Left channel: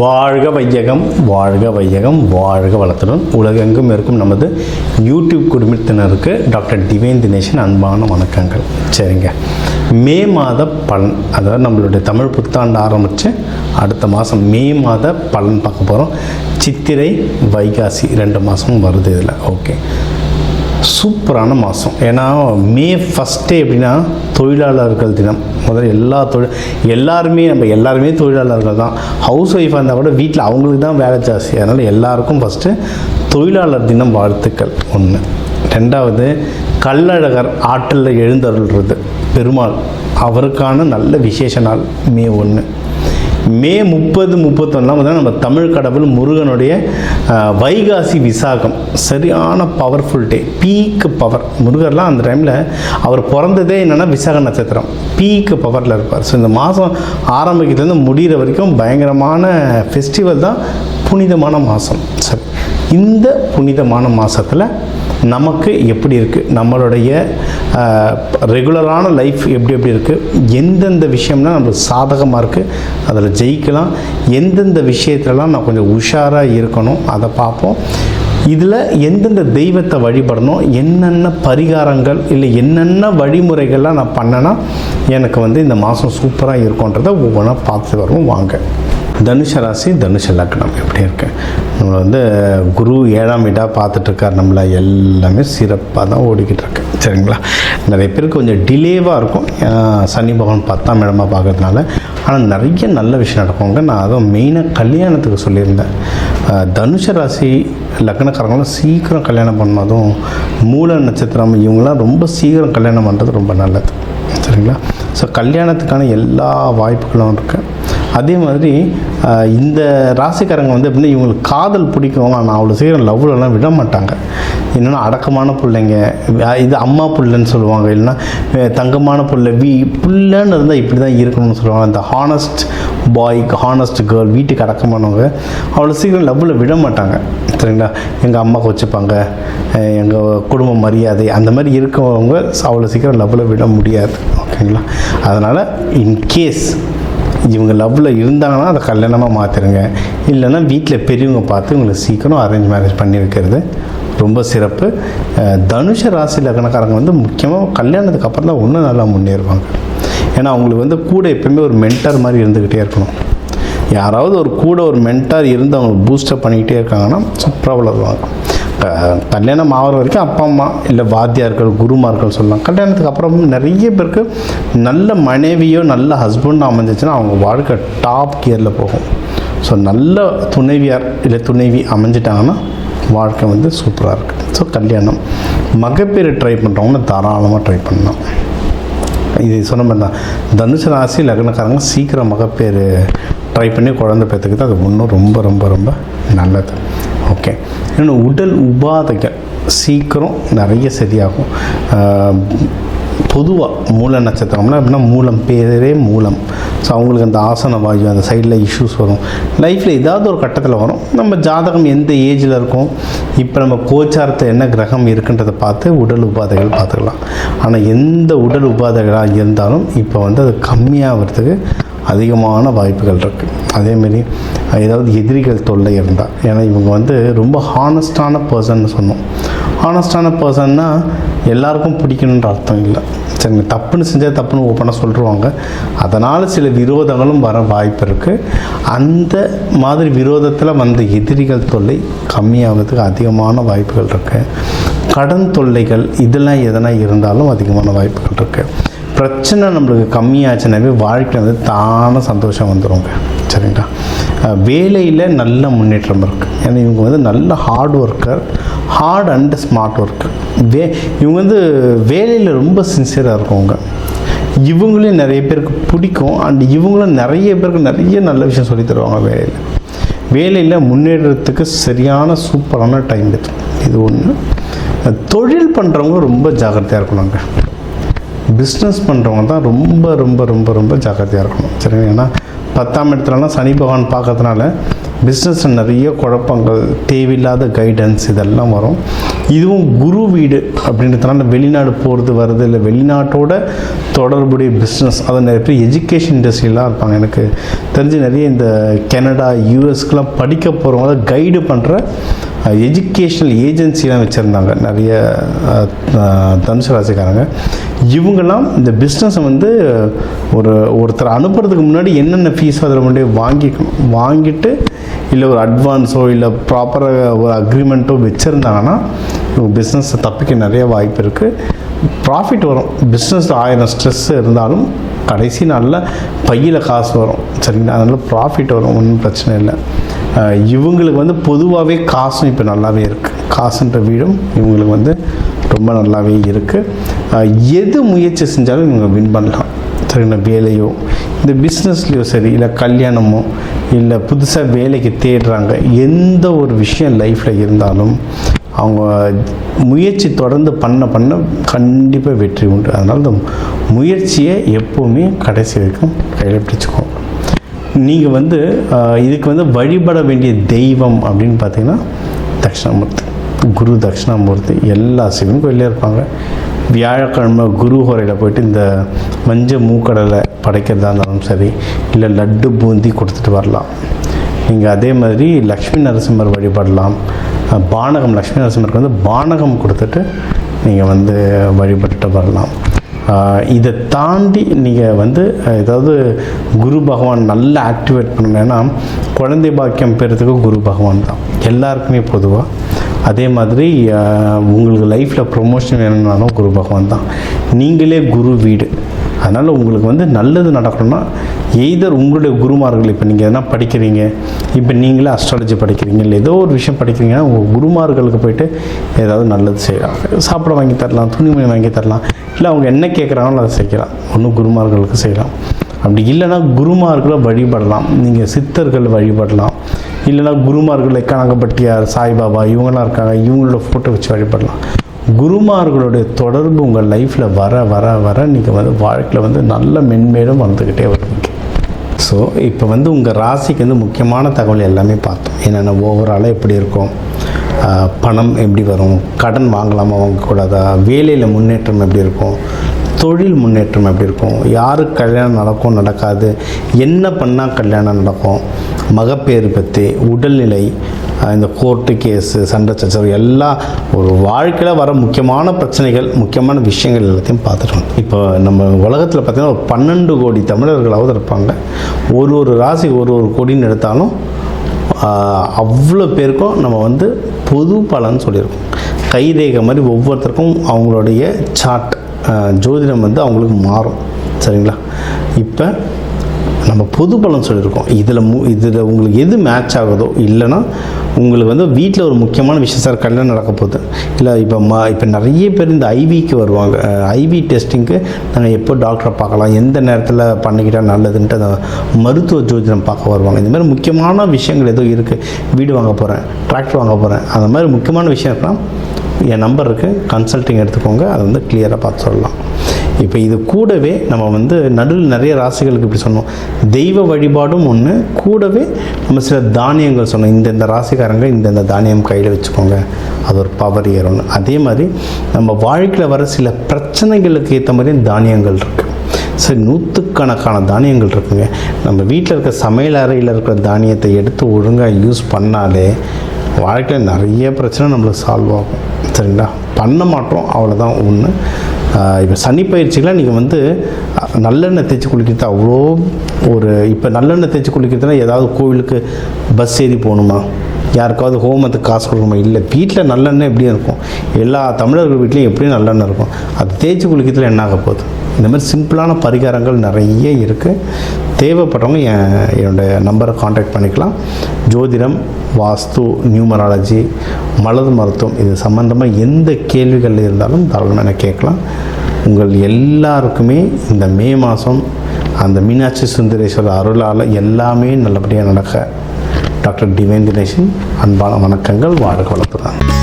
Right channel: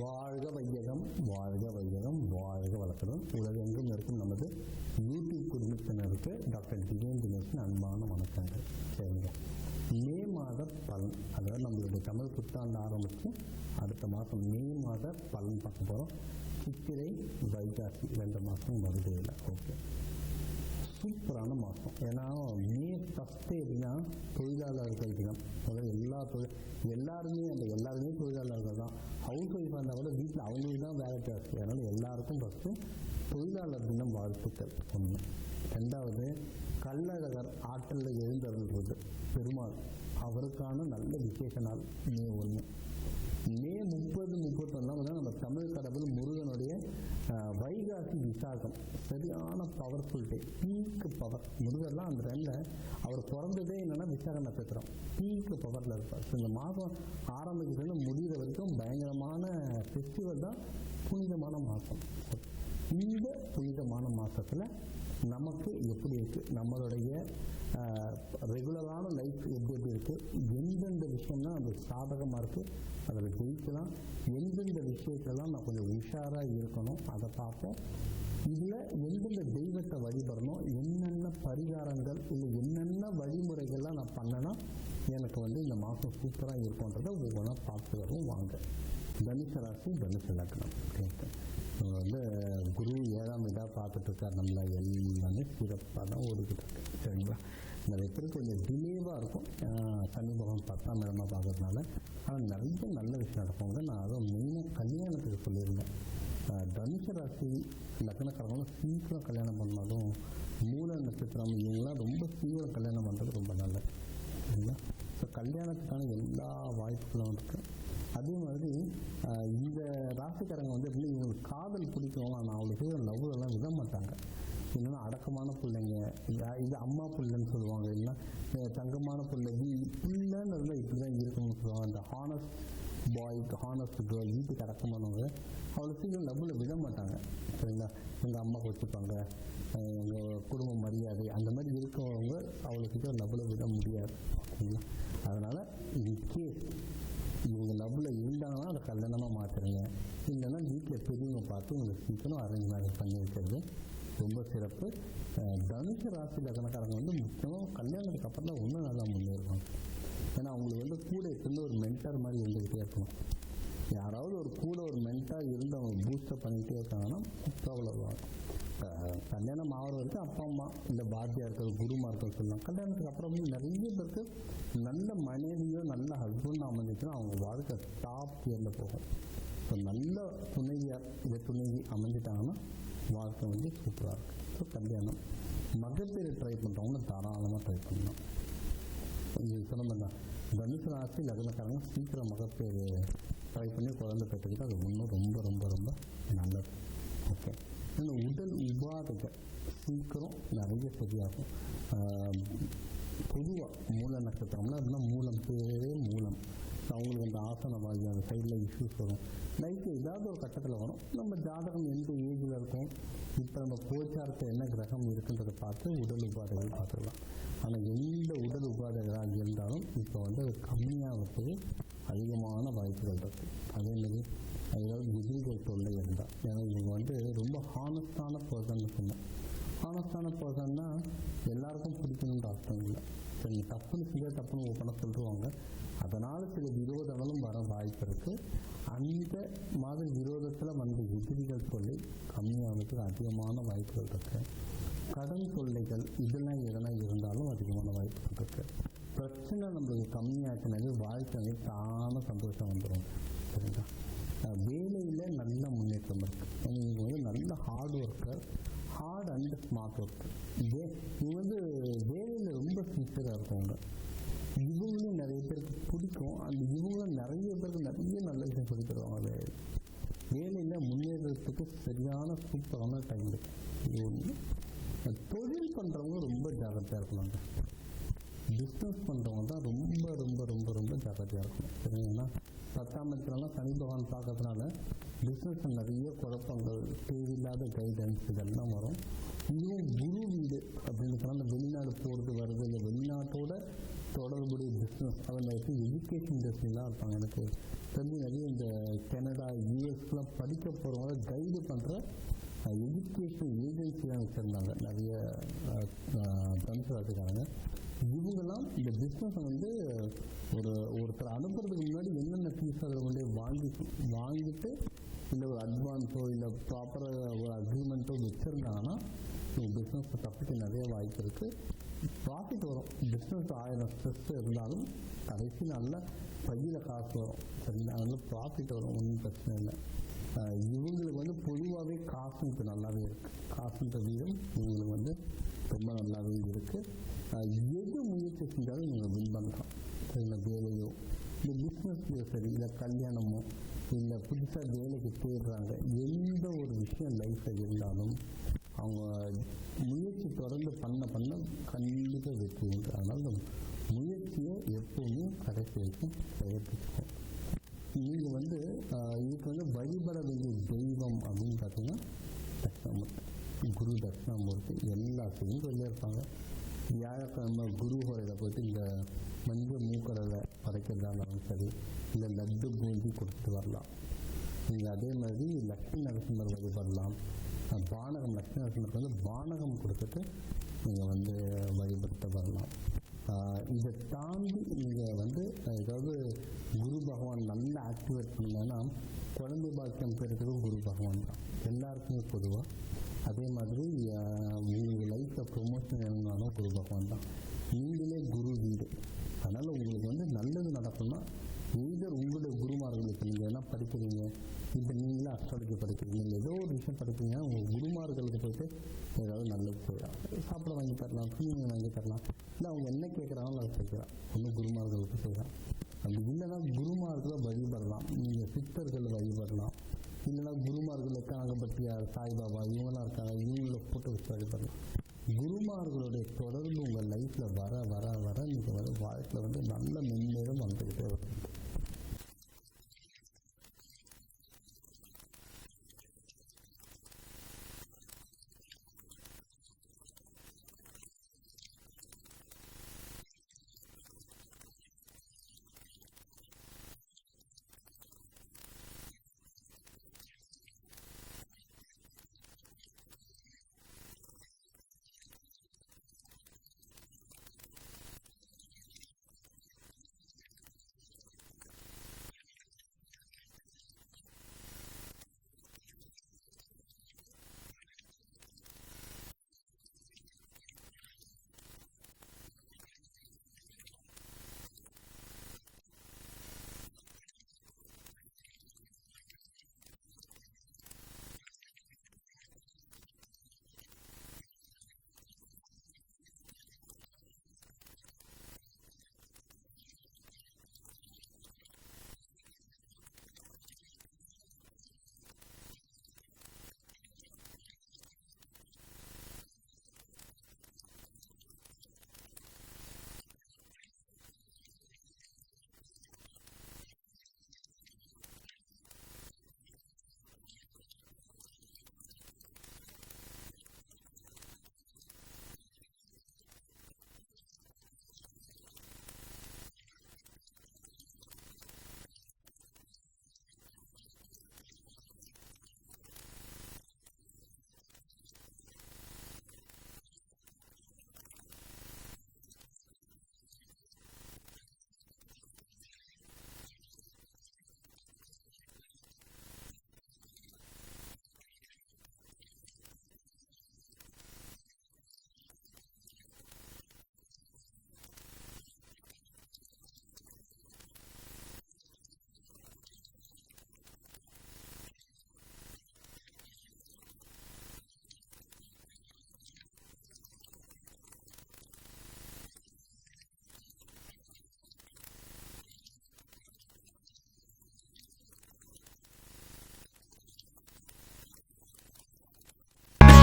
வாழ்க வையகம், வாழ்க வையகம், வாழ்க வளத்துடன் உலகெங்கும் இருக்கும் நமது யூடியூப் குடும்பத்தினருக்கு டாக்டர் டிவைன் தினேஷன் அன்பான வணக்கங்கள். சரிங்க, மே மாத பலன், அதாவது நம்மளுடைய தமிழ் புத்தாண்டு ஆரம்பித்து அடுத்த மாதம் மே மாத பலன் பார்க்க போகிறோம். சித்திரை வைகாசி 2 மாதமும் வருது இதில். ஓகே, சூப்பரான மாதம். ஏன்னா மே ஃபஸ்ட்டே எப்படின்னா தொழிலாளர்கள் தினம். முதல்ல எல்லாருமே தொழிலாளர்கள் தான். ஹவுஸ் ஒய்ஃபாக இருந்தால் கூட வீட்டில் அவங்களுக்கு தான் வேலை ஜாஸ்தி. அதனால் எல்லாருக்கும் ஃபஸ்ட்டு தொழிலாளர் தினம் வாழ்த்துக்கள் ஒன்று. ரெண்டாவது, கள்ளழகர் ஆற்றில் எழுந்தருள்றது பெருமாள், அவருக்கான நல்ல விசேஷ நாள் மே 1. மே 30, 31 நம்ம தமிழ் கடவுள் முருகனுடைய வைகாசி விசாகம், சரியான பவர்ஃபுல் டே, பீக் பவர். முருகர்லாம் அந்த டைமில் அவர் பிறந்ததே என்னென்னா விசாக நட்சத்திரம், பீக் பவரில் இருப்பார். ஸோ இந்த மாதம் ஆரம்பிக்கிறதுலேருந்து முடிகிற வரைக்கும் பயங்கரமான ஃபெஸ்டிவல் தான், புனிதமான மாதம். சரி, இந்த புனிதமான மாதத்தில் நமக்கு எப்படி இருக்குது, நம்மளுடைய ரெகுலரான லைஃப் எப்படி இருக்குது, எந்தெந்த விஷயம்னா நம்மளுக்கு சாதகமாக இருக்குது, அதில் ஜெயிக்கலாம், எந்தெந்த விஷயத்துலலாம் நான் கொஞ்சம் உஷாராக இருக்கணும் அதை பார்ப்போம். இதில் எந்தெந்த தெய்வத்தை வழிபடணும், என்னென்ன பரிகாரங்கள் இல்லை என்னென்ன வழிமுறைகள்லாம் நான் பண்ணேன்னா எனக்கு இந்த மாதம் சூப்பராக இருக்கும்ன்றதை ஒவ்வொன்றா பார்த்து வருவோம். வாங்க. தனுஷ ராசி, தனுஷ லக்னம் எப்படி இருக்கு? நம்மளை குரு 7ஆம் வீடாக பார்த்துட்ருக்கார். நம்மளை எல்லாமே சிறப்பாக தான் ஓடிக்கிட்டு இருக்கு. சரிங்களா, நிறைய பேருக்கு கொஞ்சம் டிலேவாக இருக்கும், சனி பகவான் 10ஆம் இடமாக பார்க்கறதுனால. ஆனால் நிறைய நல்ல விஷயம் நடக்குங்க. நான் அதுவும் மெயினாக கல்யாணத்துக்கு சொல்லியிருந்தேன். தனுஷ ராசி லக்னக்காரங்களும் சீக்கிரம் கல்யாணம் பண்ணணும். அதுவும் மூல நட்சத்திரம் இவங்களாம் ரொம்ப சீக்கிரம் கல்யாணம் பண்ணுறது ரொம்ப நல்லது. சரிங்களா, ஸோ கல்யாணத்துக்கான எல்லா வாய்ப்புகளும் இருக்குது. அதே மாதிரி இந்த ராசிக்காரங்க எப்படின்னா இவங்களுக்கு காதல் பிடிக்கும், ஆனால் அவ்வளோ சீக்கிரம் லவ்லலாம் விட மாட்டாங்க. என்னென்னா அடக்கமான பிள்ளைங்க, இது அம்மா பிள்ளைன்னு சொல்லுவாங்க, இல்லைன்னா தங்கமான பிள்ளை, பிள்ளைன்னு இருந்தால் இப்படி தான் இருக்கணும்னு சொல்லுவாங்க. இந்த ஹானஸ்ட் பாய், ஹானஸ்ட் கேர்ள், வீட்டுக்கு அடக்கமானவங்க அவ்வளோ சீக்கிரம் லவ்வில் விட மாட்டாங்க. சரிங்களா, எங்கள் அம்மாவுக்கு வச்சுப்பாங்க, எங்கள் குடும்ப மரியாதை அந்த மாதிரி இருக்கவங்க அவ்வளோ சீக்கிரம் லவ்வில் விட முடியாது. ஓகேங்களா, அதனால் இன்கேஸ் இவங்க லவ்வில் இருந்தாங்கன்னா அதை கல்யாணமாக மாற்றிடுங்க. இல்லைன்னா வீட்டில் பெரியவங்க பார்த்து இவங்களுக்கு சீக்கிரம் அரேஞ்ச் மேரேஜ் பண்ணி வைக்கிறது ரொம்ப சிறப்பு. தனுஷ ராசி லக்னக்காரங்க முக்கியமாக கல்யாணத்துக்கு அப்புறம் தான் இன்னும் நல்லா முன்னேறுவாங்க. ஏன்னா அவங்களுக்கு கூட எப்பவுமே ஒரு மென்டார் மாதிரி இருந்துக்கிட்டே இருக்கணும். யாராவது ஒரு மென்டார் இருந்து அவங்களுக்கு பூஸ்டப் பண்ணிக்கிட்டே இருக்காங்கன்னா சூப்பராக வளருவாங்க. கல்யாணம் ஆகிற வரைக்கும் அப்பா அம்மா இல்லை வாத்தியார்கள், குருமார்கள் சொல்லலாம். கல்யாணத்துக்கு அப்புறம் நிறைய பேருக்கு நல்ல மனைவியோ நல்ல ஹஸ்பண்டோ அமைஞ்சிச்சுன்னா அவங்க வாழ்க்கை டாப் கியரில் போகும். ஸோ நல்ல துணைவியார் இல்லை துணைவி அமைஞ்சிட்டாங்கன்னா வாழ்க்கை சூப்பராக இருக்குது. ஸோ கல்யாணம் மகப்பேறு ட்ரை பண்ணுறவங்க தாராளமாக ட்ரை பண்ணலாம். இது சொன்ன மாதிரி தான் தனுசு ராசி லக்னக்காரங்க சீக்கிரம் மகப்பேறு ட்ரை பண்ணி குழந்தை பெற்றுக்கிட்டு அது இன்னும் ரொம்ப ரொம்ப ரொம்ப நல்லது. ஓகே, இன்னொன்று உடல் உபாதைகள் சீக்கிரம் நிறைய சரியாகும். பொதுவாக மூல நட்சத்திரம்னா அப்படின்னா மூலம், பேரே மூலம். ஸோ அவங்களுக்கு அந்த ஆசன வாயு அந்த சைடில் இஷ்யூஸ் வரும். லைஃப்பில் ஏதாவது ஒரு கட்டத்தில் வரும். நம்ம ஜாதகம் எந்த ஏஜில் இருக்கும், இப்போ நம்ம கோச்சாரத்தில் என்ன கிரகம் இருக்குன்றதை பார்த்து உடல் உபாதைகள் பார்த்துக்கலாம். ஆனால் எந்த உடல் உபாதைகளாக இருந்தாலும் இப்போ அது கம்மியாகிறதுக்கு அதிகமான வாய்ப்புகள் இருக்குது. அதேமாரி ஏதாவது எதிரிகள் தொல்லை இருந்தால், ஏன்னா இவங்க ரொம்ப ஹானஸ்டான பர்சன்னு சொன்னோம். ஹானஸ்டான பர்சன்னா எல்லாருக்கும் பிடிக்கணுன்ற அர்த்தம் இல்லை. சரிங்க, தப்புன்னு செஞ்சால் தப்புன்னு ஓப்பனாக சொல்லிடுவாங்க. அதனால் சில விரோதங்களும் வர வாய்ப்பு இருக்குது. அந்த மாதிரி விரோதத்தில் எதிரிகள் தொல்லை கம்மியாகிறதுக்கு அதிகமான வாய்ப்புகள் இருக்குது. கடன் தொல்லைகள் இதெல்லாம் எதனா இருந்தாலும் அதிகமான வாய்ப்புகள் இருக்குது. பிரச்சனை நம்மளுக்கு கம்மியாச்சுனாவே வாழ்க்கை தானே சந்தோஷம் வந்துடுங்க. சரிங்களா, வேலையில் நல்ல முன்னேற்றம் இருக்குது. ஏன்னா இவங்க நல்ல hard worker, hard and smart worker. இவங்க வேலையில் ரொம்ப சின்சியராக இருக்கவங்க. இவங்களையும் நிறைய பேருக்கு பிடிக்கும். அண்ட் இவங்களும் நிறைய பேருக்கு நிறைய நல்ல விஷயம் சொல்லி தருவாங்க. வேலையில் முன்னேறத்துக்கு சரியான சூப்பரான டைம் இது ஒன்று. தொழில் பண்ணுறவங்க ரொம்ப ஜாக்கிரதையாக இருக்கணுங்க. பிஸ்னஸ் பண்ணுறவங்க தான் ரொம்ப ரொம்ப ரொம்ப ரொம்ப ஜாக்கிரதையாக இருக்கணும். சரிங்க, ஏன்னா 10ஆம் இடத்துலலாம் சனி பகவான் பார்க்கறதுனால பிஸ்னஸில் நிறைய குழப்பங்கள், தேவையில்லாத கைடன்ஸ் இதெல்லாம் வரும். இதுவும் குரு வீடு அப்படின்றதுனால வெளிநாடு போகிறது வருது, இல்லை வெளிநாட்டோட தொடர்புடைய பிஸ்னஸ், அதை நிறைய பேர் எஜுகேஷன் இண்டஸ்ட்ரியெலாம் இருப்பாங்க. எனக்கு தெரிஞ்சு நிறைய இந்த கனடா, யூஎஸ்க்கெலாம் படிக்க போகிறவங்க கைடு பண்ணுற எஜுகேஷ்னல் ஏஜென்சிலாம் வச்சுருந்தாங்க நிறைய தனுசு ராசிக்காரங்க. இவங்கெல்லாம் இந்த பிஸ்னஸை வந்து ஒருத்தர் அனுப்புறதுக்கு முன்னாடி என்னென்ன ஃபீஸோ அதில் முன்னாடி வாங்கிட்டு இல்லை ஒரு அட்வான்ஸோ இல்லை ப்ராப்பராக ஒரு அக்ரிமெண்ட்டோ வச்சுருந்தாங்கன்னா இவங்க பிஸ்னஸை தப்பிக்க நிறைய வாய்ப்பு இருக்குது. ப்ராஃபிட் வரும். பிஸ்னஸ் 1000 ஸ்ட்ரெஸ் இருந்தாலும் கடைசி நாளில் பையில் காசு வரும். சரிங்களா? அதனால் ப்ராஃபிட் வரும், ஒன்றும் பிரச்சனை இல்லை. இவங்களுக்கு வந்து பொதுவாகவே காசும் இப்போ நல்லாவே இருக்குது. காசுன்ற வீடும் இவங்களுக்கு வந்து ரொம்ப நல்லாவே இருக்குது. எது முயற்சி செஞ்சாலும் இவங்க வின் பண்ணலாம். சரிங்களா? வேலையோ இந்த பிஸ்னஸ்லையோ சரி, இல்லை கல்யாணமோ, இல்லை புதுசாக வேலைக்கு தேடுறாங்க, எந்த ஒரு விஷயம் லைஃப்பில் இருந்தாலும் அவங்க முயற்சி தொடர்ந்து பண்ண கண்டிப்பாக வெற்றி உண்டு. அதனால் இந்த முயற்சியை எப்போவுமே கடைசி வரைக்கும் கையில் பிடிச்சிக்கோங்க. நீங்கள் வந்து இதுக்கு வந்து வழிபட வேண்டிய தெய்வம் அப்படின்னு பார்த்தீங்கன்னா தட்சிணாமூர்த்தி, குரு தட்சிணாமூர்த்தி. எல்லா சிவன் கோயிலே இருப்பாங்க. வியாழக்கிழமை குரு ஹோரையில் போயிட்டு இந்த மஞ்சள் மூக்கடலை படைக்கிறதா இருந்தாலும் சரி, இல்லை லட்டு பூந்தி கொடுத்துட்டு வரலாம். நீங்கள் அதே மாதிரி லக்ஷ்மி நரசிம்மர் வழிபடலாம். பானகம், லக்ஷ்மி நரசிம்மருக்கு வந்து பானகம் கொடுத்துட்டு நீங்கள் வந்து வழிபட்டுட்டு வரலாம். இதை தாண்டி நீங்கள் வந்து ஏதாவது குரு பகவான் நல்லா ஆக்டிவேட் பண்ணணுன்னா குழந்தை பாக்கியம் பெறதுக்கு குரு பகவான் தான் எல்லாருக்குமே பொதுவாக. அதே மாதிரி உங்களுக்கு லைஃப்பில் ப்ரொமோஷன் வேணும்னாலும் குரு பகவான் தான். நீங்களே குரு வீடு. அதனால் உங்களுக்கு வந்து நல்லது நடக்கணும்னா எய்தர் உங்களுடைய குருமார்கள், இப்போ நீங்கள் எதனா படிக்கிறீங்க, இப்போ நீங்களே அஸ்ட்ராலஜி படிக்கிறீங்க, இல்லை ஏதோ ஒரு விஷயம் படிக்கிறீங்கன்னா உங்கள் குருமார்களுக்கு போய்ட்டு ஏதாவது நல்லது செய்யலாம். சாப்பிட வாங்கி தரலாம், துணிமணி வாங்கி தரலாம், இல்லை அவங்க என்ன கேட்குறாங்களோ அதை செய்யலாம். ஒன்றும் குருமார்களுக்கு செய்யலாம். அப்படி இல்லைனா குருமார்களை வழிபடலாம். நீங்கள் சித்தர்கள் வழிபடலாம். இல்லைனா குருமார்கள் கனகப்பட்டியார், சாய்பாபா இவங்களாம் இருக்காங்க, இவங்களோட ஃபோட்டோ வச்சு வழிபடலாம். குருமார்களுடைய தொடர்பு உங்கள் லைஃப்பில் வர வர வர நீங்கள் வந்து வாழ்க்கையில் வந்து நல்ல மென்மேலும் வந்துக்கிட்டே வருவீங்க. ஸோ இப்போ வந்து உங்கள் ராசிக்கு வந்து முக்கியமான தகவல் எல்லாமே பார்த்தோம். என்னென்ன ஓவராலாக எப்படி இருக்கும், பணம் எப்படி வரும், கடன் வாங்கலாமா வாங்கக்கூடாதா, வேலையில் முன்னேற்றம் எப்படி இருக்கும், தொழில் முன்னேற்றம் எப்படி இருக்கும், யாருக்கு கல்யாணம் நடக்கும் நடக்காது, என்ன பண்ணால் கல்யாணம் நடக்கும், மகப்பேறு பற்றி, உடல்நிலை, இந்த கோர்ட்டு கேஸு, சண்டை சச்சரவு எல்லாம் ஒரு வாழ்க்கையில் வர முக்கியமான பிரச்சனைகள், முக்கியமான விஷயங்கள் எல்லாத்தையும் பார்த்துட்டோம். இப்போ நம்ம உலகத்தில் பார்த்திங்கன்னா ஒரு 12 கோடி தமிழர்களாவது இருப்பாங்க. ஒரு ராசி ஒரு கோடின்னு எடுத்தாலும் அவ்வளோ பேருக்கும் நம்ம வந்து பொது பலன் சொல்லியிருக்கோம். கைரேகை மாதிரி ஒவ்வொருத்தருக்கும் அவங்களுடைய சார்ட், ஜோதிடம் வந்து அவங்களுக்கு மாறும். சரிங்களா? இப்போ நம்ம பொது பலன் சொல்லியிருக்கோம். இதில் உங்களுக்கு எது மேட்ச் ஆகுதோ, இல்லைனா உங்களுக்கு வந்து வீட்டில் ஒரு முக்கியமான விஷயம், சார் கல்யாணம் நடக்க போகுது, இல்லை இப்போ நிறைய பேர் இந்த ஐவிக்கு வருவாங்க. ஐவி டெஸ்டிங்க்கு நாங்கள் எப்போ டாக்டரை பார்க்கலாம், எந்த நேரத்தில் பண்ணிக்கிட்டால் நல்லதுன்ட்டு அந்த மருத்துவ ஜோதிடம் பார்க்க வருவாங்க. இந்த மாதிரி முக்கியமான விஷயங்கள் ஏதோ இருக்குது, வீடு வாங்க போகிறேன், டிராக்டர் வாங்க போகிறேன், அந்த மாதிரி முக்கியமான விஷயம் இருக்கலாம், என் நம்பர் இருக்குது, கன்சல்ட்டிங் எடுத்துக்கோங்க, அதை வந்து கிளியராக பார்த்து சொல்லலாம். இப்போ இது கூடவே நம்ம வந்து நடுவில் நிறைய ராசிகளுக்கு இப்படி சொன்னோம், தெய்வ வழிபாடும் ஒன்று, கூடவே நம்ம சில தானியங்கள் சொன்னோம். இந்தந்த ராசிக்காரங்க இந்தந்த தானியம் கையில் வச்சுக்கோங்க, அது ஒரு பவர் ஏறும்னு. அதே மாதிரி நம்ம வாழ்க்கையில் வர சில பிரச்சனைகளுக்கு ஏற்ற மாதிரி தானியங்கள் இருக்குது. சரி, 100கணக்கான தானியங்கள் இருக்குங்க. நம்ம வீட்டில் இருக்க சமையல் அறையில் இருக்கிற தானியத்தை எடுத்து ஒழுங்காக யூஸ் பண்ணாலே வாழ்க்கையில் நிறைய பிரச்சனை நம்மளுக்கு சால்வ் ஆகும். சரிங்களா? பண்ண மாட்டோம், அவ்வளோதான் ஒன்று. இப்போ சனி பயிற்சிகளாக நீங்கள் வந்து நல்லெண்ணெய் தேய்ச்சி குளிக்கிறது அவ்வளோ இப்போ நல்லெண்ணெய் தேய்ச்சி குளிக்கிறதுனா ஏதாவது கோவிலுக்கு பஸ் ஏறி போகணுமா, யாருக்காவது ஹோமத்துக்கு காசு கொடுக்கணுமா? இல்லை, வீட்டில் நல்லெண்ணெய் எப்படியும் இருக்கும். எல்லா தமிழர்கள் வீட்லேயும் எப்படியும் நல்லெண்ணெய் இருக்கும். அது தேய்ச்சி குளிக்கிறதுல என்ன ஆக போகுது? இந்த மாதிரி சிம்பிளான பரிகாரங்கள் நிறைய இருக்குது. தேவைப்படுறவங்க என்னுடைய நம்பரை காண்டாக்ட் பண்ணிக்கலாம். ஜோதிடம், வாஸ்து, நியூமராலஜி, மலர் மருத்துவம் இது சம்மந்தமாக எந்த கேள்விகள் இருந்தாலும் தாராளமாக எனக்கு கேட்கலாம். உங்கள் எல்லாருக்குமே இந்த மே மாதம் அந்த மீனாட்சி சுந்தரேஸ்வரர் அருளால் எல்லாமே நல்லபடியாக நடக்க டாக்டர் டிவைன் தினேஷன் அன்பான வணக்கங்கள். வாழ்க வளத்துடன்.